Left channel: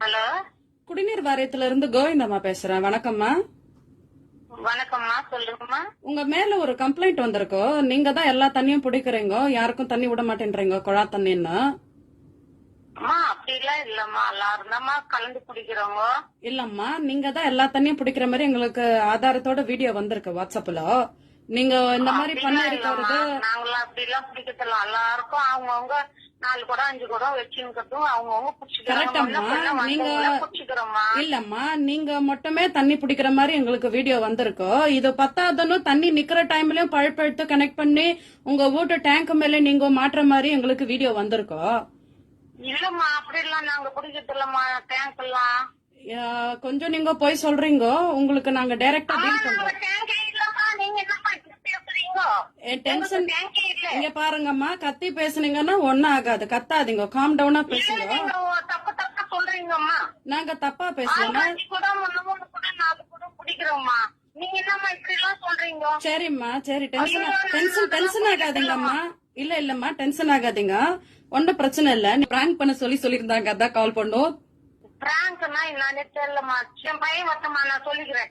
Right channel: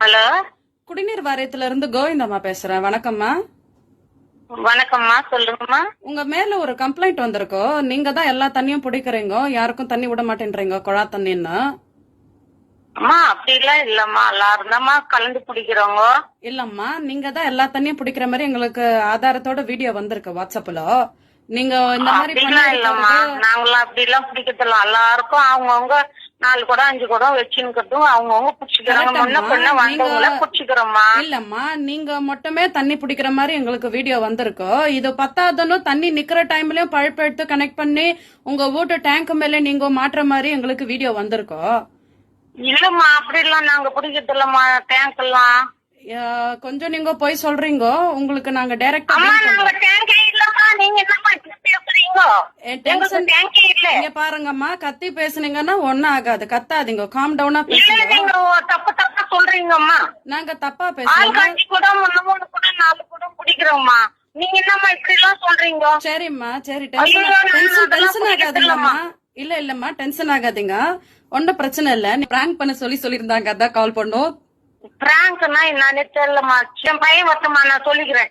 Hello? குடிநீர் வாரியத்துல இருந்து கோவிந்தம்மா பேசுறேன். வணக்கம்மா. வணக்கம்மா சொல்லுங்கம்மா. உங்க மேல ஒரு கம்ப்ளைண்ட் வந்திருக்கோ? நீங்க தான் எல்லா தண்ணியும் பிடிக்கிறீங்க? யாருக்கும் தண்ணி விட மாட்டேன்றீங்க? குழா தண்ணின்னு? அம்மா அப்படிலாம் இல்லம்மா. எல்லாரும் தான்மா கலந்து பிடிக்கிறவங்க இல்லம்மா நீங்க தான் எல்லா தண்ணியும் பிடிக்கிற மாதிரி எங்களுக்கு ஆதாரத்தோட வீடியோ வந்திருக்கு வாட்ஸ்அப்ல நீங்க இந்த மாதிரி அப்படிலாம் இல்லம்மா. பண்ணிருக்கிறது நாங்களாம் அப்படிலாம் பிடிக்கிறதில்ல. எல்லாருக்கும் அவங்கவுங்க நாலு குடம் அஞ்சு குடம் வச்சுக்கிறதும் அவங்கவுங்க பிடிச்சிக்கிறோம்மா. இல்லம்மா நீங்க மட்டுமே தண்ணி பிடிக்கிற மாதிரி எங்களுக்கு வீடியோ வந்திருக்கு. இது பத்தாதன்னு தண்ணி நிக்கிற டைம்லயும் பழுப்பு எடுத்து கனெக்ட் பண்ணி உங்க வீட்டு டேங்க் மேல நீங்க மாட்டுற மாதிரி எங்களுக்கு வீடியோ வந்திருக்கு. இல்லம்மா அப்படிலாம் நாங்க பிடிக்கிறதில்லம்மா டேங்க் எல்லாம். கொஞ்சம் நீங்க போய் சொல்றீங்க. உங்களுக்கு நாங்க டைரக்டா டேங்கே இல்லம்மா. நீங்க என்னம்மா பேசுறீங்க? டேங்கே இங்க பாருங்கம்மா கத்தி பேசுனீங்கன்னா ஒண்ணும் ஆகாது. கத்தாதீங்க. காம் டவுனா பேசுங்க. தப்பு தப்பா சொல்றீங்கம்மா. நாங்க தப்பா ஆள்காட்சி கூட கூட நாலு கூட பிடிக்கிறோம்மா. நீங்க என்னம்மா இப்படி எல்லாம் சொல்றீங்க? சரிம்மா சரி டென்ஷன் டென்ஷன் டென்ஷன் ஆகாதீங்கம்மா. இல்ல இல்லம்மா டென்ஷன் ஆகாதீங்க. ஒன்னும் பிரச்சனை இல்ல. நீ பிராங்க் பண்ண சொல்லி சொல்லியிருந்தாங்க. அதான் கால் பண்ணோம். பிராங்க்னா என்னன்னு தெரியலம்மா. என் பையன் வரட்டுமா நான் சொல்லிக்கிறேன்.